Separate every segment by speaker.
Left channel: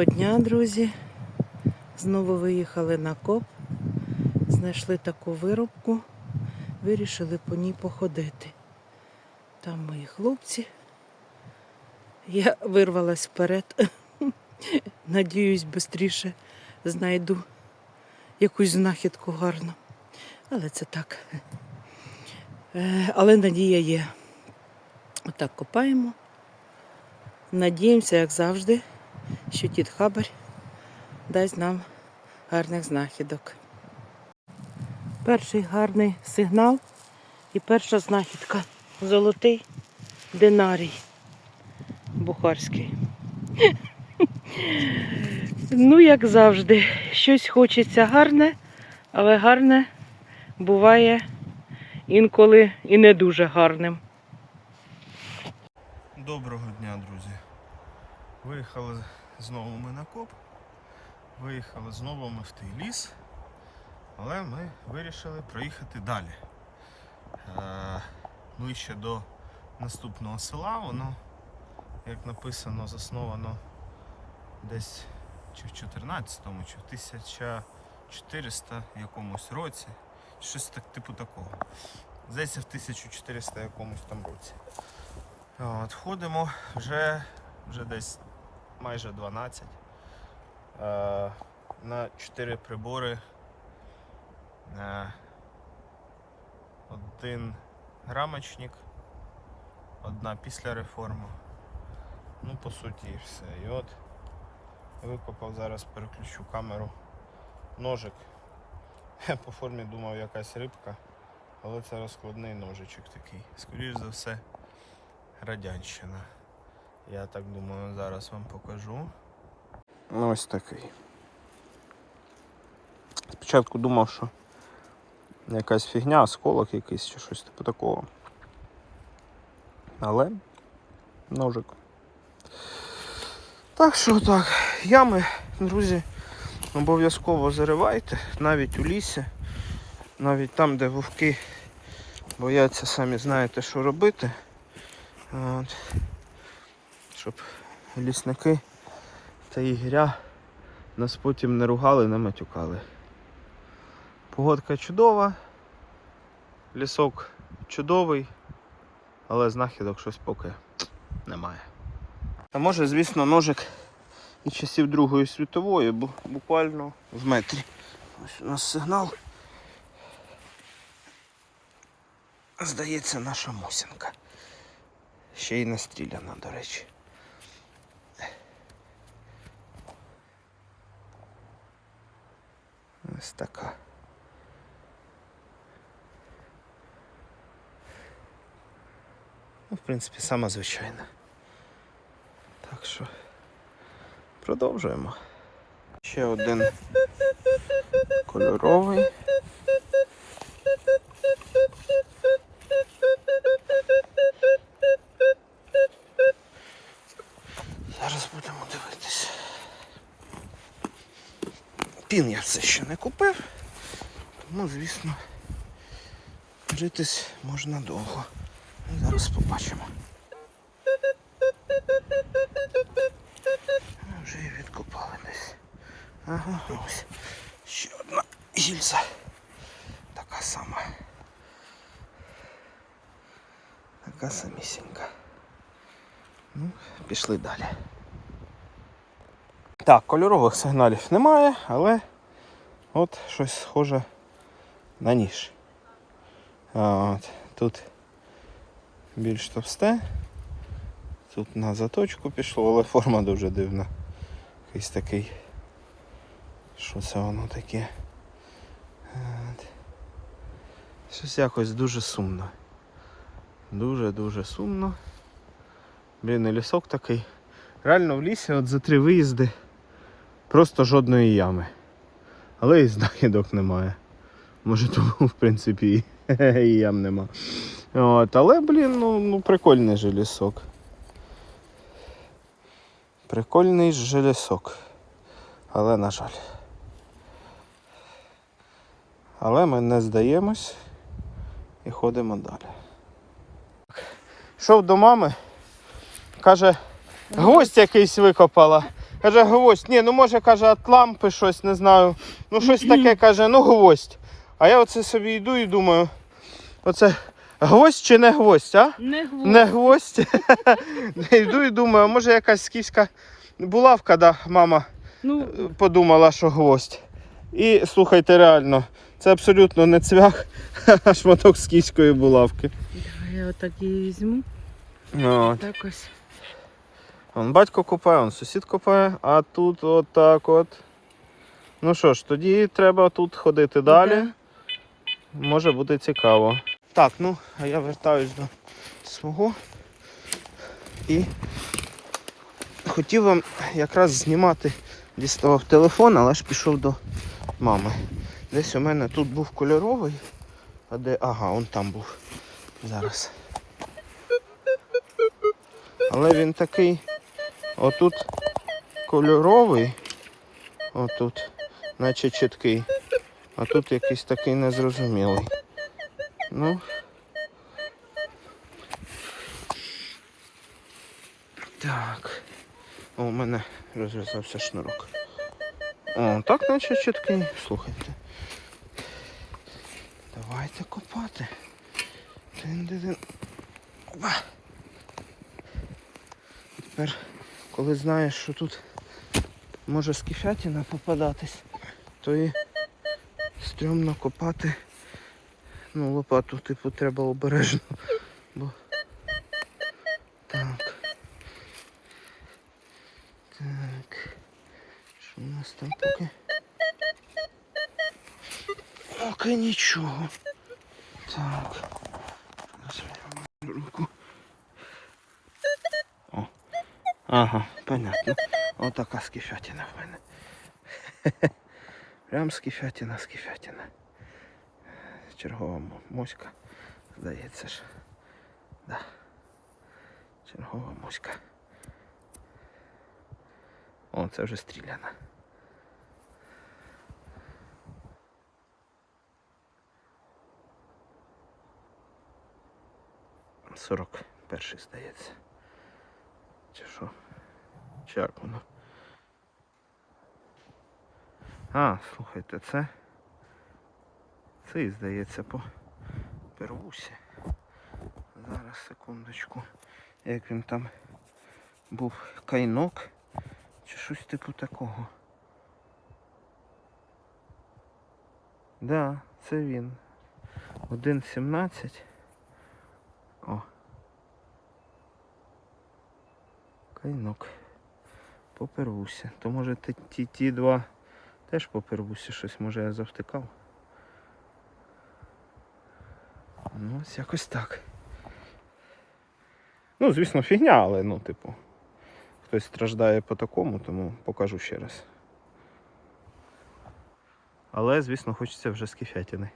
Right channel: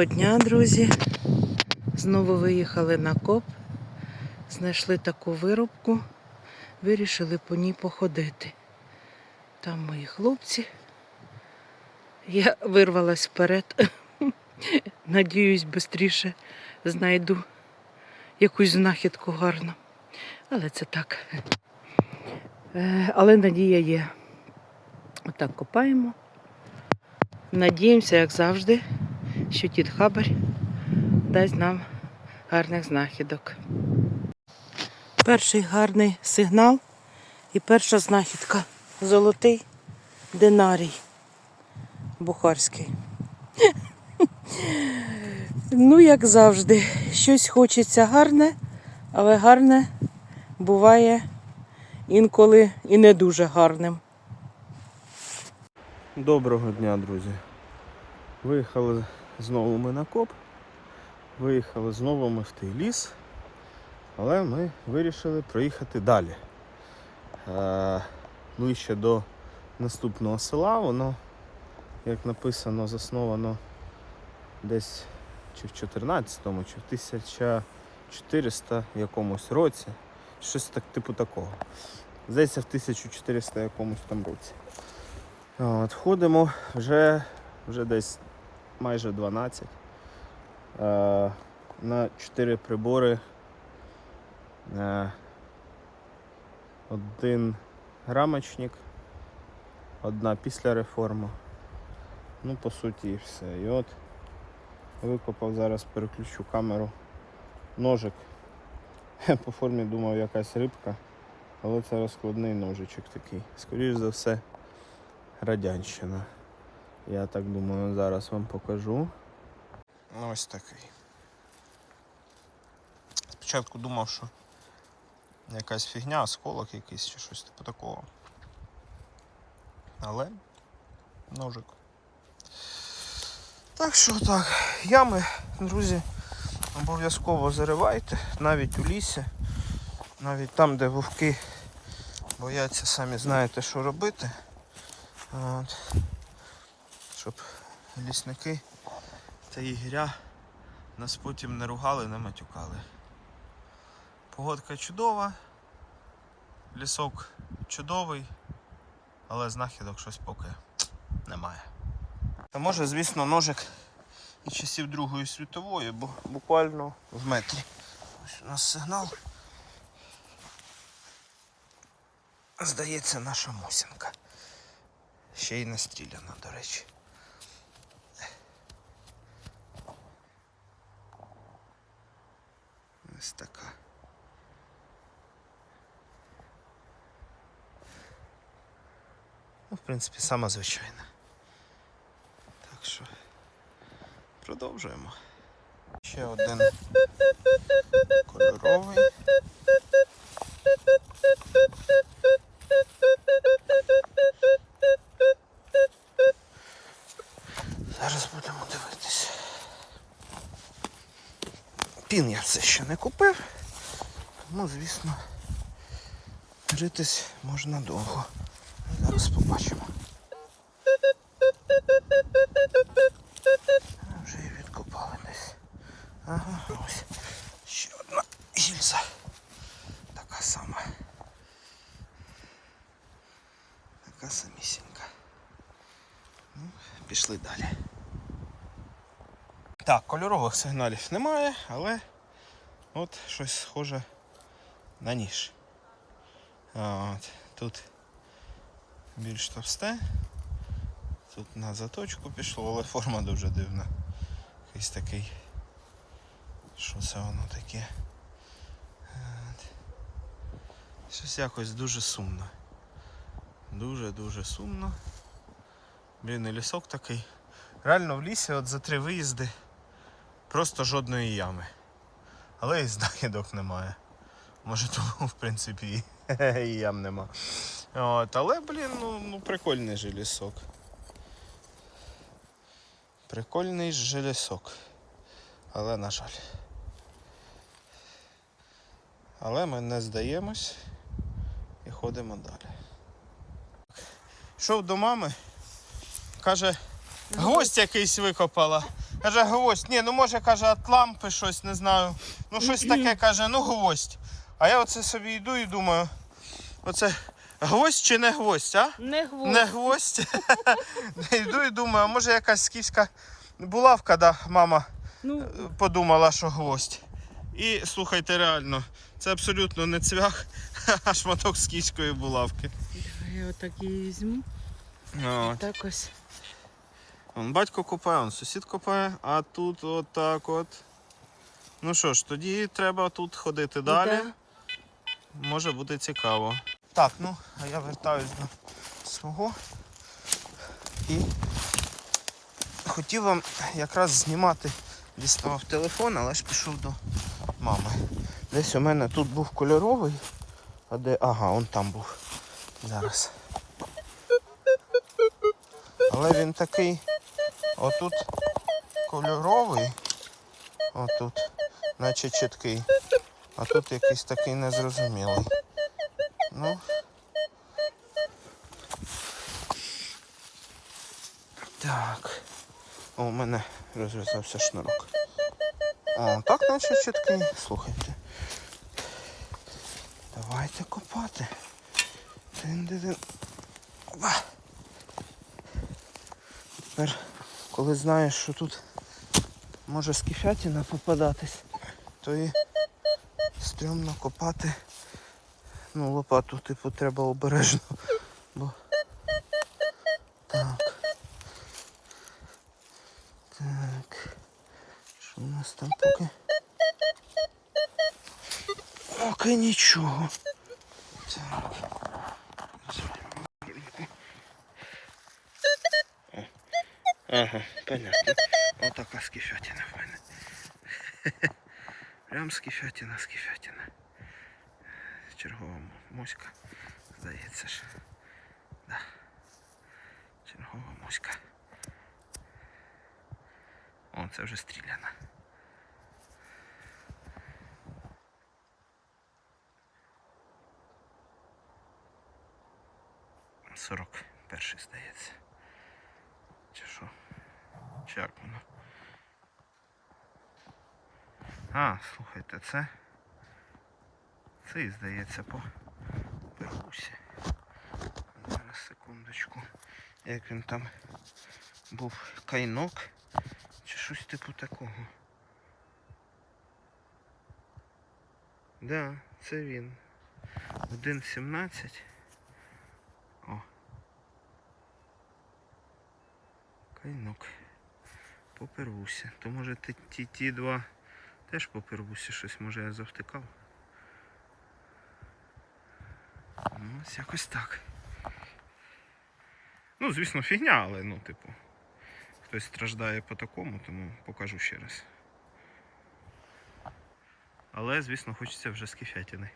Speaker 1: Доброго дня, друзі. Знову виїхали на коп, знайшли таку вирубку, вирішили по ній походити. Там мої хлопці. Я вирвалась вперед. Надіюсь, швидше знайду якусь знахідку гарну. Але це так. Е, Але надія є. Отак копаємо. Надіємося, як завжди, що тіт Хабар дасть нам гарних знахідок. Перший гарний сигнал і перша знахідка. Золотий динарій бухарський. Ну, як завжди, щось хочеться гарне, але гарне буває інколи і не дуже гарним.
Speaker 2: Доброго дня, друзі. Виїхали знову ми на коп. Виїхали знову ми в той ліс, але ми вирішили проїхати далі. Е, ближче до наступного села, воно, як написано, засновано десь чи в 14-му, чи в 1400 якомусь році. Щось так, типу такого. Здається, в 1400 якомусь там році. От, ходимо вже, вже десь майже 12. Е, на 4 прибори. Е, один грамочник, одна після реформи. Ну, по суті, і все. І от викопав, зараз переключу камеру. Ножик. По формі думав якась рибка, але це розкладний ножичок такий. Скоріше за все, радянщина. Я так думаю, зараз вам покажу. Ну, Ось такий. Спочатку думав, що якась фігня, осколок якийсь чи щось типу такого. Але ножик. Так що так, ями, друзі, обов'язково заривайте, навіть у лісі, навіть там, де вовки бояться, самі знаєте, що робити. От. Щоб лісники та ігря нас потім не ругали, не матюкали. Погодка чудова, лісок чудовий, але знахідок щось поки немає. А може, звісно, ножик і часів Другої світової, бо буквально в метрі. Ось у нас сигнал. Здається, наша мусинка. Ще й настріляна, до речі. Ось така. Ну, в принципі, сама звичайна. Так що продовжуємо. Ще один кольоровий. Пін я все ще не купив, тому, звісно, житись можна довго. Зараз побачимо. Ну, Вже і відкопали десь. Ага, ось. Ще одна гільза. Така сама. Така самісінька. Ну, пішли далі. Так, кольорових сигналів немає, але от щось схоже на ніж. От, тут більш товсте. Тут на заточку пішло, але форма дуже дивна. Якийсь такий. Що це воно таке? От. Щось якось дуже сумно. Дуже-дуже сумно. Блін, і лісок такий. Реально в лісі от за три виїзди просто жодної ями. Але і знахідок немає. Може тому в принципі і, і ям нема. От, але, блін, ну, ну прикольний же лісок. Прикольний же лісок. Але на жаль. Але ми не здаємось і ходимо далі. Йшов до мами, каже, гость якийсь викопала. Каже, гвоздь. Ні, ну може, каже, від лампи щось, не знаю. Ну щось таке каже, ну гвоздь. А я оце собі йду і думаю, оце гвоздь чи не гвоздь, а?
Speaker 1: Не гвоздь.
Speaker 2: Не гвоздь. йду і думаю, може якась скіфська булавка, да, мама
Speaker 1: Ну,
Speaker 2: подумала, що гвоздь. І слухайте, реально, це абсолютно не цвях, а шматок скіфської булавки.
Speaker 1: я отак її візьму.
Speaker 2: От.
Speaker 1: Так ось.
Speaker 2: Вон батько копає, он сусід копає, а тут отак от. Ну що ж, тоді треба тут ходити далі.
Speaker 1: Іде.
Speaker 2: Може бути цікаво. Так, ну, а я вертаюсь до свого. І хотів вам якраз знімати, діставав телефон, але ж пішов до мами. Десь у мене тут був кольоровий, а де. Ага, он там був. Зараз. Але він такий отут кольоровий, отут, наче чіткий, а тут якийсь такий незрозумілий. Ну. Так. О, у мене розв'язався шнурок. О, так наче чіткий. Слухайте. Давайте копати. Тин-ди-дин. Опа. Тепер, коли знаєш, що тут може скіфятіна попадатись, то і стрьомно копати. Ну, лопату, типу, треба обережно. Бо... Так. Так. Що у нас там поки? Поки нічого. Так. Руку. О. Ага, понятно. Отака скіфятіна в мене. Прям скіфятіна, скіфятіна. Чергова моська, здається ж. Да. Чергова моська. О, це вже стріляна. Сорок перший, здається. Чи що? Чи як воно? А, слухайте, це. Це здається по первусі. Зараз секундочку. Як він там був кайнок чи щось типу такого. Да, це він. 1.17. О. Кайнок. По первусі. То може ті, ті, два теж по первусі щось може я завтикав. Ну, ось якось так. Ну, звісно, фігня, але ну, типу, хтось страждає по такому, тому покажу ще раз. Але, звісно, хочеться вже скіфятини.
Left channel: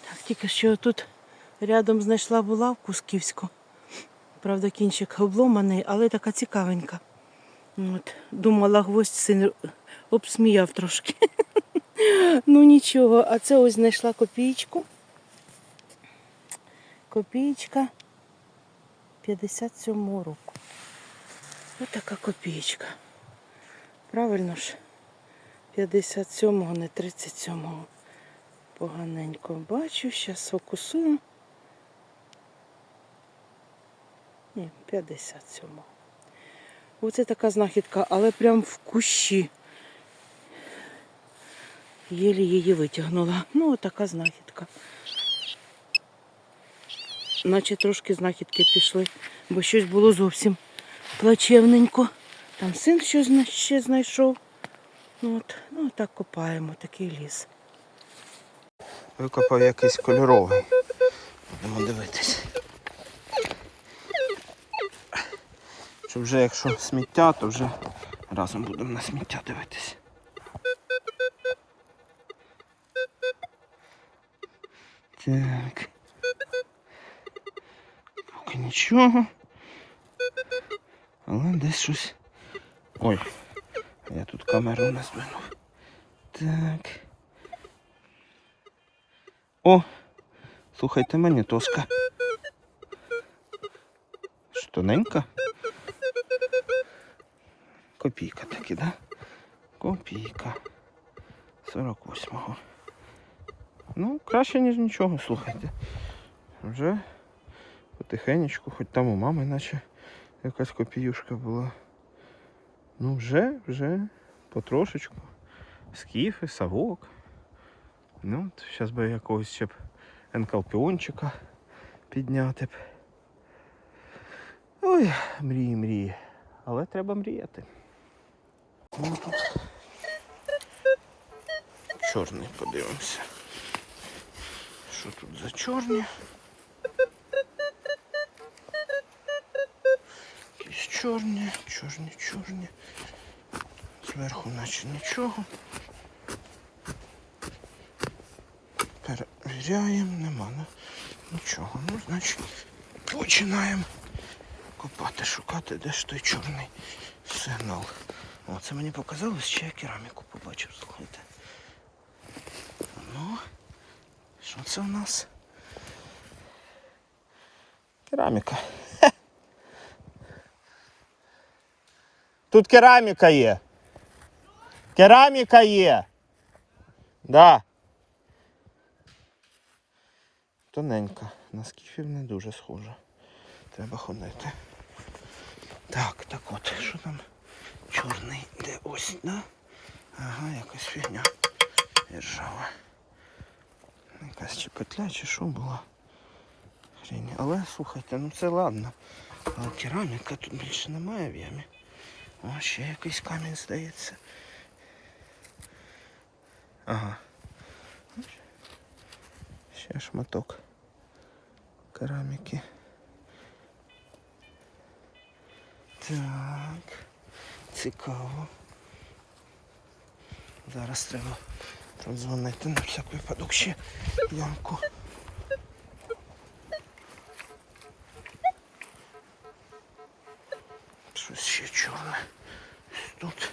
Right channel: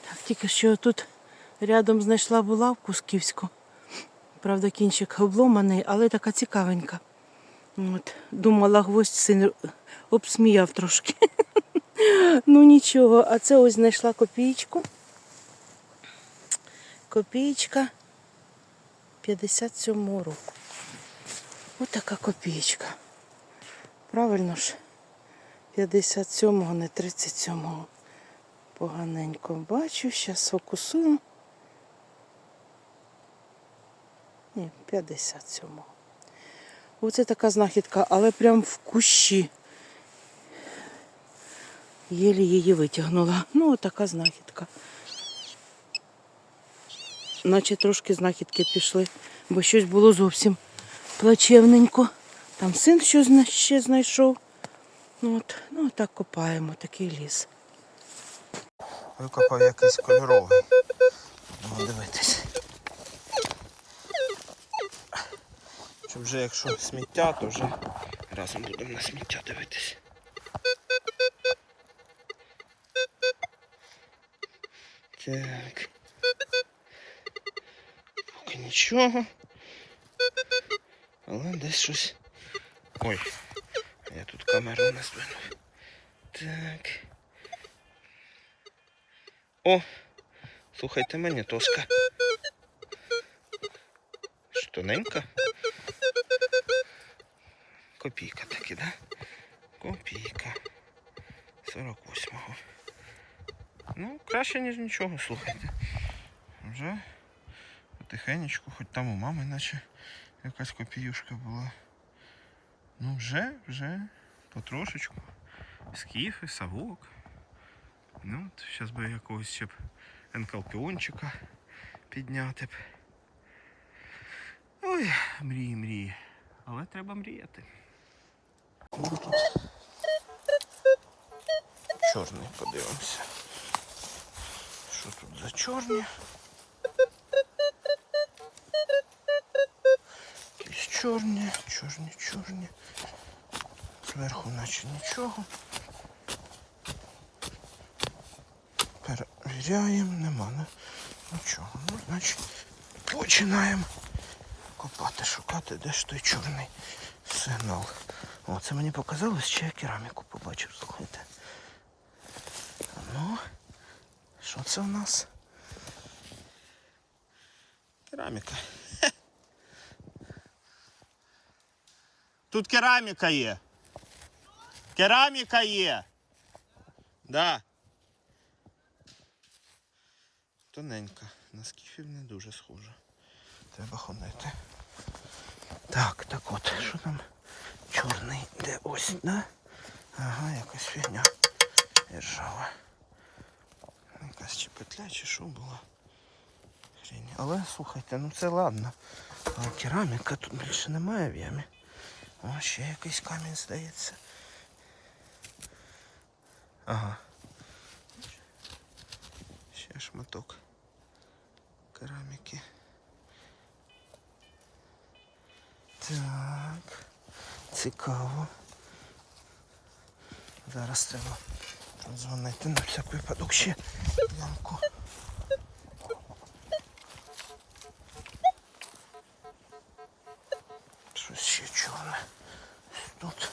Speaker 1: Так, тільки що тут рядом знайшла булавку скіфську. Правда, кінчик обломаний, але така цікавенька. От, думала, гвоздь син обсміяв трошки. ну нічого, а це ось знайшла копійку. Копійка 57 року. Ось така копійка. Правильно ж? 57-го, не 37-го. Поганенько бачу, зараз фокусую. Ні, 57-го. Оце така знахідка, але прям в кущі. Єлі її витягнула. Ну, отака знахідка. Наче трошки знахідки пішли, бо щось було зовсім плачевненько. Там син що зна- ще знайшов. Ну, от, ну, так копаємо, такий ліс.
Speaker 2: Викопав якийсь кольоровий. Будемо дивитись. Щоб вже якщо сміття, то вже разом будемо на сміття дивитись. Так. Поки нічого. Але десь щось. Ой, я тут камеру не здвинув. Так. О, слухайте мені тоска. Ж Тоненька. Копійка таки, да? Копійка. 48-го. Ну, краще, ніж нічого, слухайте. Вже потихенечку, хоч там у мами наче якась копіюшка була. Ну, вже, вже потрошечку. Скіфи, совок. Ну, зараз би якогось ще б енкалпіончика підняти б. Ой, мрії, мрії. Але треба мріяти. Чорний подивимося. Що тут за чорні? Якісь чорні, чорні, чорні. Зверху наче нічого. Перевіряємо, нема нічого. Ну, значить, починаємо копати, шукати, де ж той чорний сигнал. О, це мені показалось, чи я кераміку побачив, слухайте. Ну, що це в нас? Кераміка. Тут кераміка є. Кераміка є. Да. Тоненька. На скіфів не дуже схожа. Треба ходити. Так, так от, що там? Чорний, да? Ага, якась фігня. Держава. Якась чи петля, чи що була. Хрень. Але слухайте, ну це ладно. А кераміка тут більше немає в ямі. О, ще якийсь камінь здається. Ага. Ще шматок кераміки. Так. Цікаво. Зараз треба там дзвонити на всяк випадок ще ямку. Щось ще чорне. Тут.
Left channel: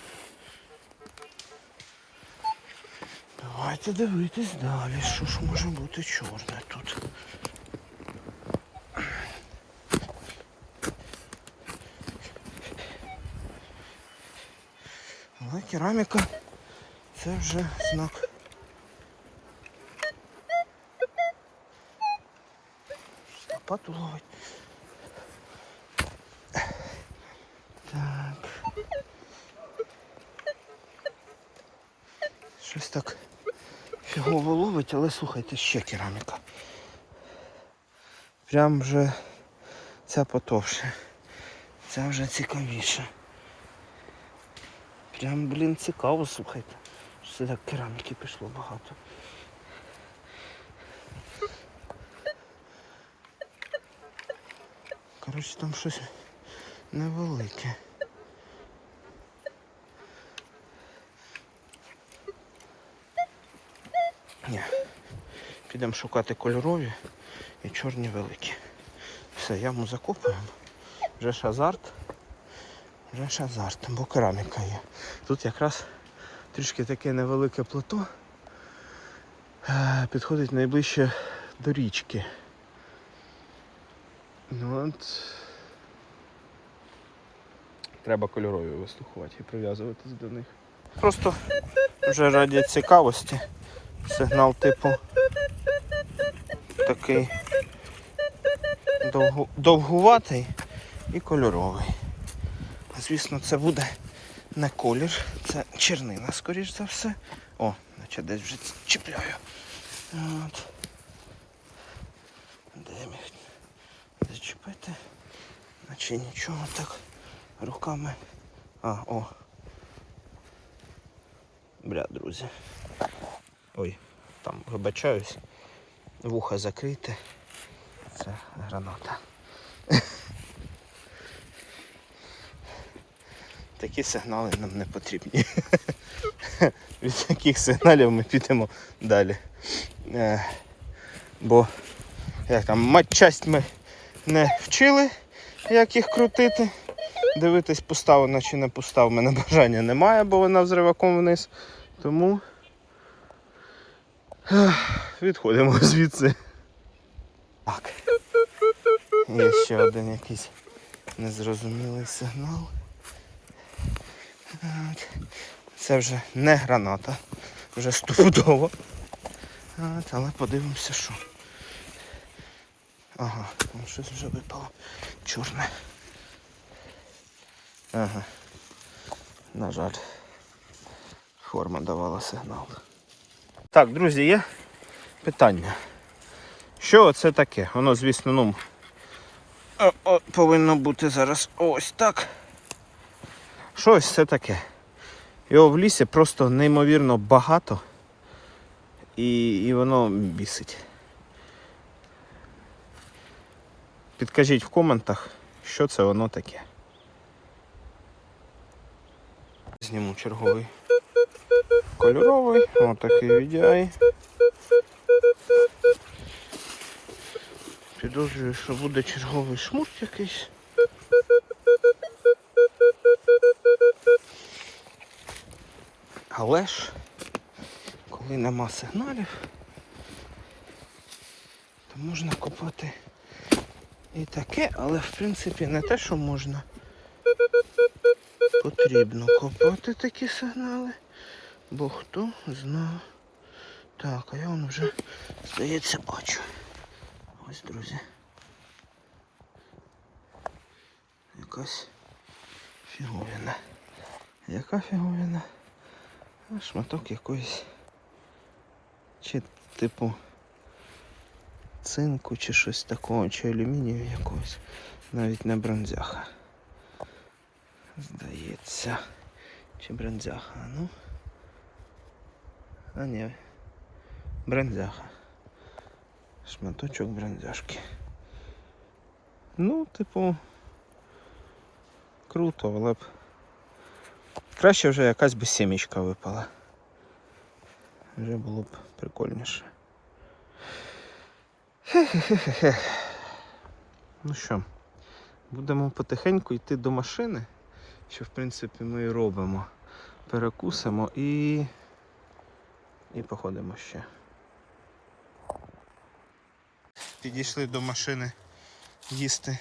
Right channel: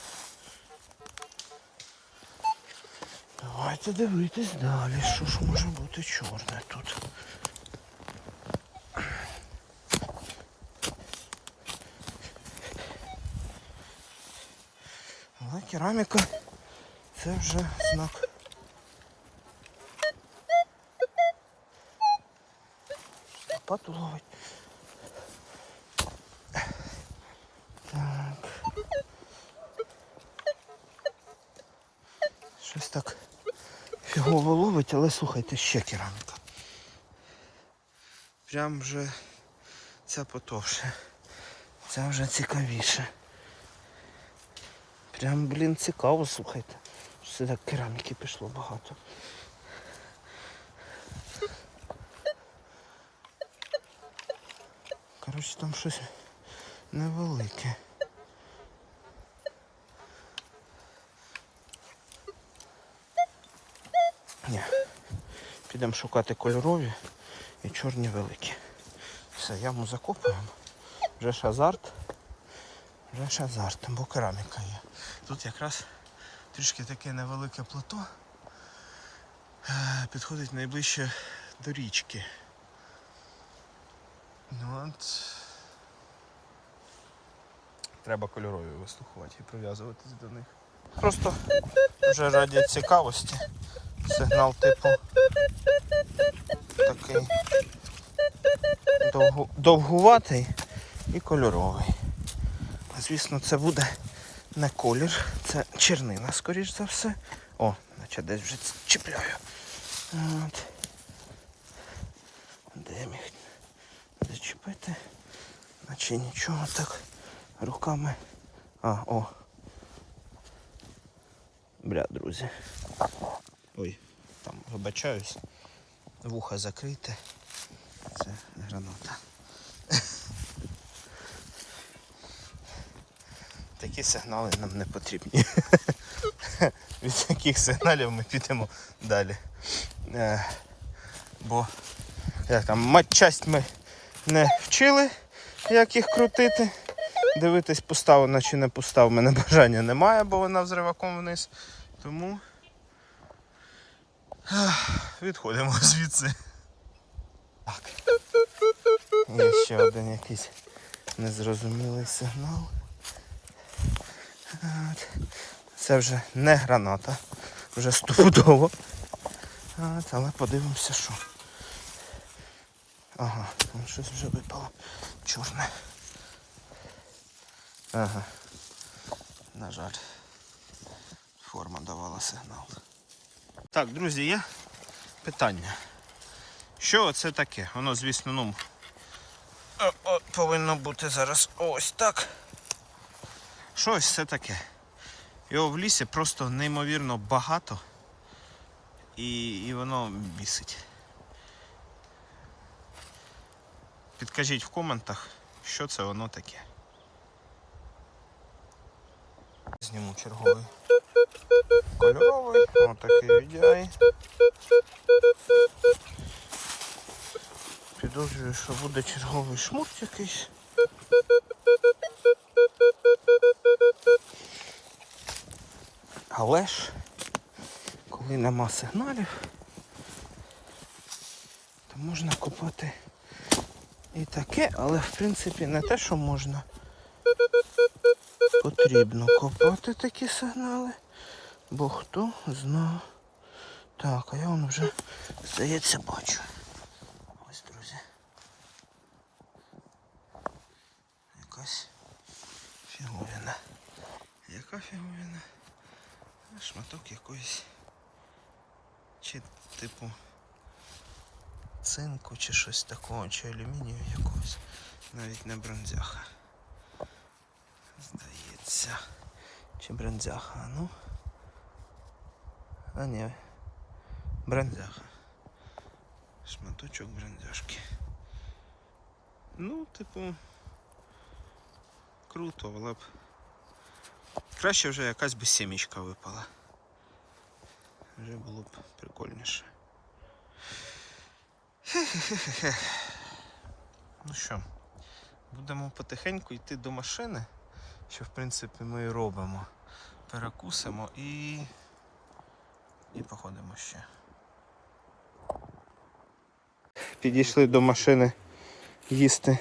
Speaker 2: Давайте дивитись далі, що ж може бути чорне тут. Але кераміка це вже знак. Лопату ловить. Так. Щось так фігово ловить, але слухайте, ще кераміка. Прям вже ця потовше. Ця вже цікавіше. Прям, блін, цікаво, слухайте. Так кераміки пішло багато. Коротше, там щось невелике. Ні. Підемо шукати кольорові і чорні великі. Все, яму закопуємо. Вже ж азарт. Вже ж азарт, бо кераміка є. Тут якраз трішки таке невелике плато. Е, Підходить найближче до річки. Ну от. Треба кольорові вистухувати і прив'язуватись до них. Просто вже раді цікавості. Сигнал типу такий довгу, довгуватий і кольоровий. Звісно, це буде не колір, це чернина, скоріш за все. О, наче десь вже чіпляю. От. Де міг зачепити? Наче нічого так руками. А, о. Бля, друзі. Ой, там вибачаюсь. Вуха закрите. Це граната. Такі сигнали нам не потрібні. Від таких сигналів ми підемо далі. Е, бо як там, матчасть ми не вчили, як їх крутити. Дивитись, поставлено чи не постав, в мене бажання немає, бо вона взриваком вниз. Тому відходимо звідси. Так. Є ще один якийсь незрозумілий сигнал. Це вже не граната, вже стопудово. Але подивимося, що. Ага, щось вже випало. Чорне. Ага. На жаль. Форма давала сигнал. Так, друзі, є питання. Що це таке? Воно, звісно, ну. о- о, повинно бути зараз ось так. Щось це таке. Його в лісі просто неймовірно багато. І, і воно бісить. Підкажіть в коментах, що це воно таке. Зніму черговий кольоровий, отакий VDI. Підозрюю, що буде черговий шмурт якийсь. Але ж, коли нема сигналів, то можна купити і таке, але в принципі не те, що можна. Потрібно копати такі сигнали, бо хто зна. Так, а я воно вже, здається, бачу. Ось, друзі. Якась фіговина. Яка фіговина? Шматок якоїсь. Чи типу цинку, чи щось такого, чи алюмінію якогось. Навіть не бронзяха. Здається. Чи бронзяха, ну. А ні. Бронзяха. Шматочок бронзяшки. Ну, типу. Круто, але б. Краще вже якась би сімічка випала. Вже було б прикольніше. Хе-хе-хе-хе. Ну що, будемо потихеньку йти до машини, що в принципі ми і робимо. Перекусимо і. і походимо ще. Підійшли до машини їсти.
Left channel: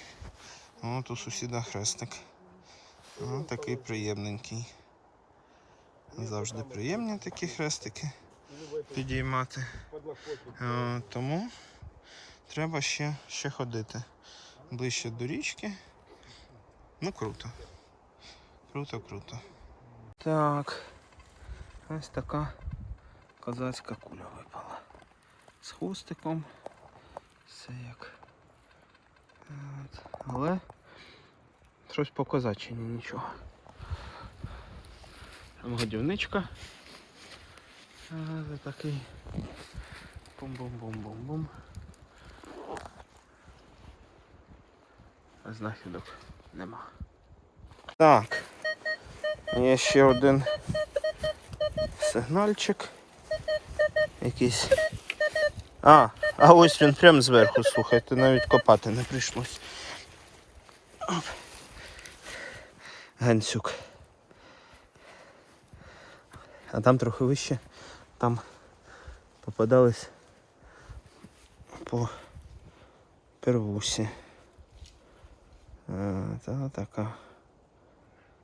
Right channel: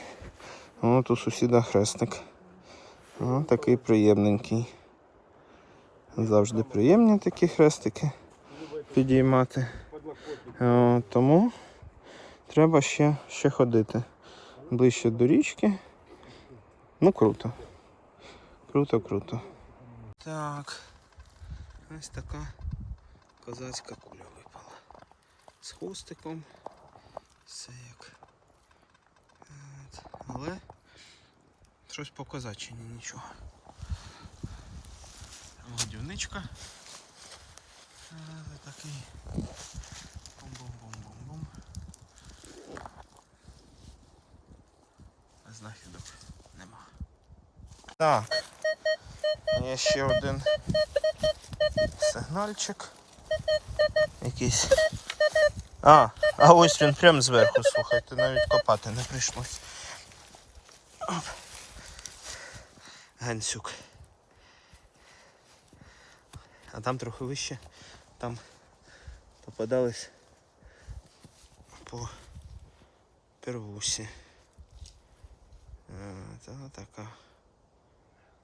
Speaker 2: От у сусіда хрестик. О, такий приємненький. Завжди приємні такі хрестики підіймати. О, тому треба ще, ще ходити ближче до річки. Ну круто. Круто, круто. Так. Ось така козацька куля випала. З хвостиком. Все як. От. Але щось по козачині нічого. Годівничка. Це такий бум-бум-бум-бум-бум. Знахідок нема. Так. Є ще один сигнальчик. Якийсь. А, а ось він прямо зверху, слухайте, навіть копати не прийшлось. Гансюк. А там трохи вище, там попадались по первусі. Е, Та така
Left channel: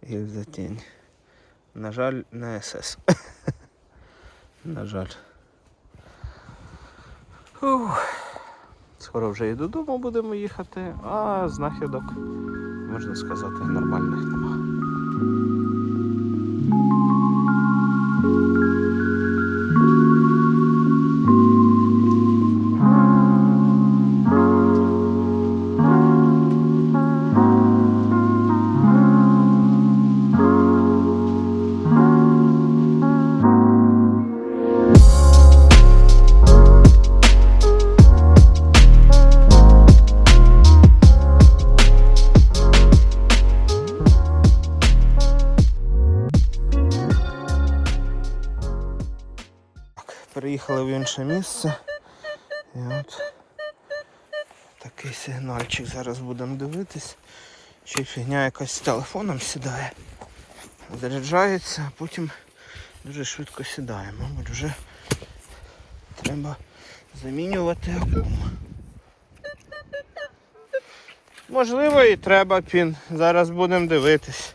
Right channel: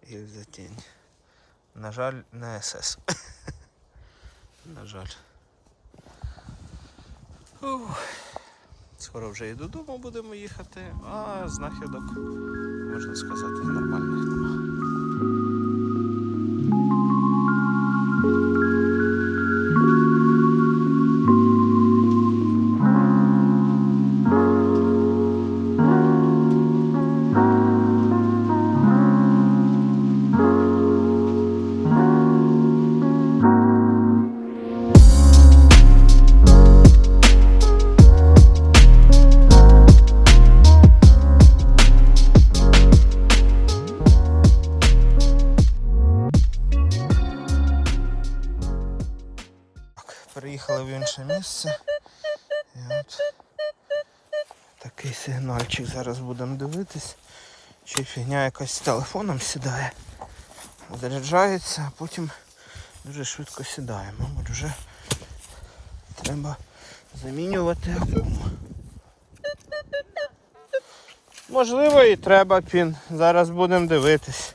Speaker 2: гільзатінь. На жаль, не СС. На жаль. Ух. Скоро вже і додому будемо їхати, а знахідок, можна сказати, нормальних нема. Інше місце. І от такий сигнальчик зараз будемо дивитись. Ще фігня якась з телефоном сідає. Заряджається, а потім дуже швидко сідає. Мабуть, вже треба замінювати. Можливо і треба пін. Зараз будемо дивитись.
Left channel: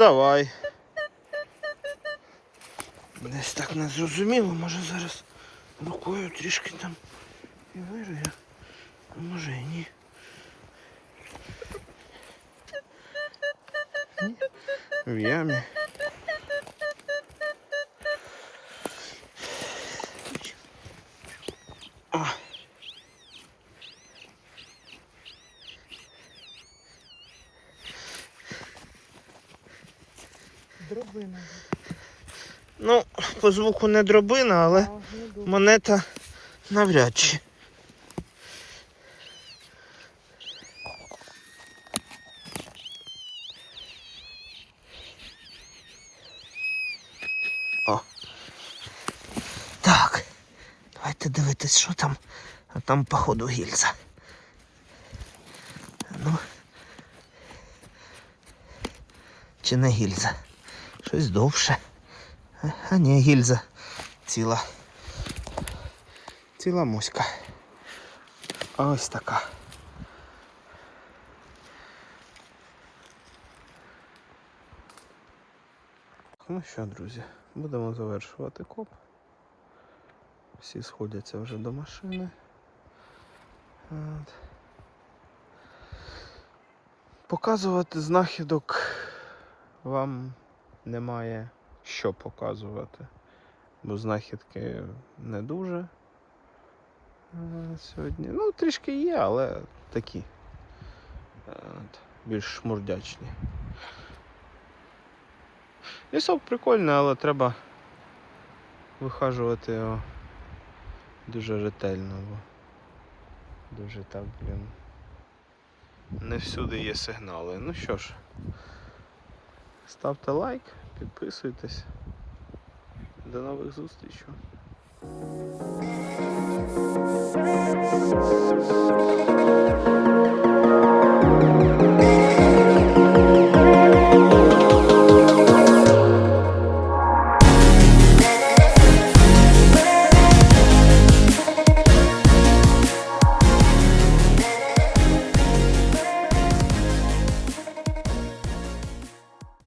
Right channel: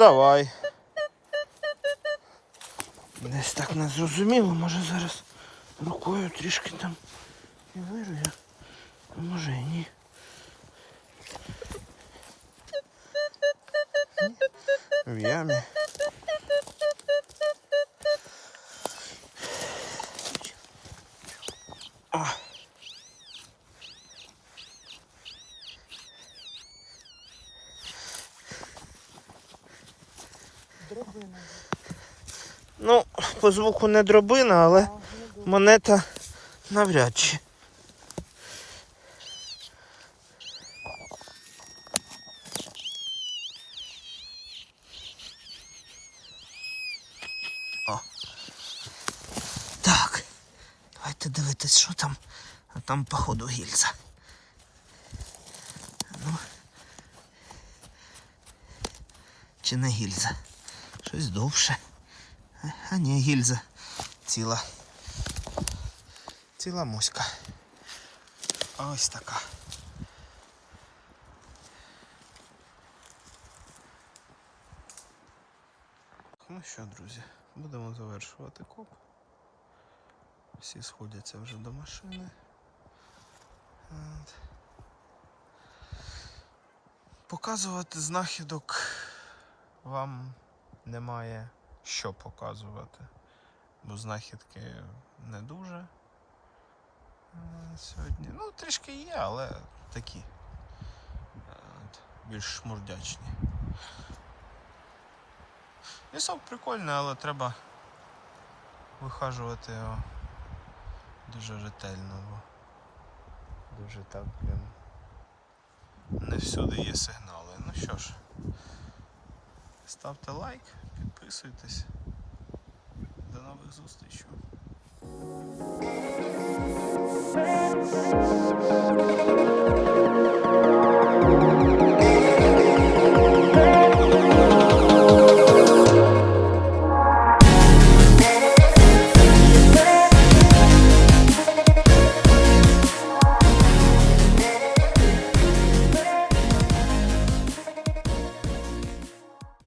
Speaker 2: Давай. Десь так не зрозуміло, може зараз рукою трішки там і вирую. Може і ні. В ямі. А.
Speaker 1: Дробина.
Speaker 2: Ну, по звуку не дробина, але монета навряд чи. О. Так. Давайте дивитись, що там. А там, походу, гільза. Ну. Чи не гільза? Щось довше. А- ні, гільза. Ціла. Ціла муська. А ось така. Ну що, друзі, будемо завершувати коп. Всі сходяться вже до машини. От. Показувати знахідок вам немає що показувати, бо знахідки не дуже е, сьогодні. Ну, трішки є, але такі е, от, більш шмурдячні. Лісок прикольний, але треба вихажувати його дуже ретельно, бо дуже так, блін. Не всюди є сигнали. Ну що ж, ставте лайк, підписуйтесь. До нових зустрічей.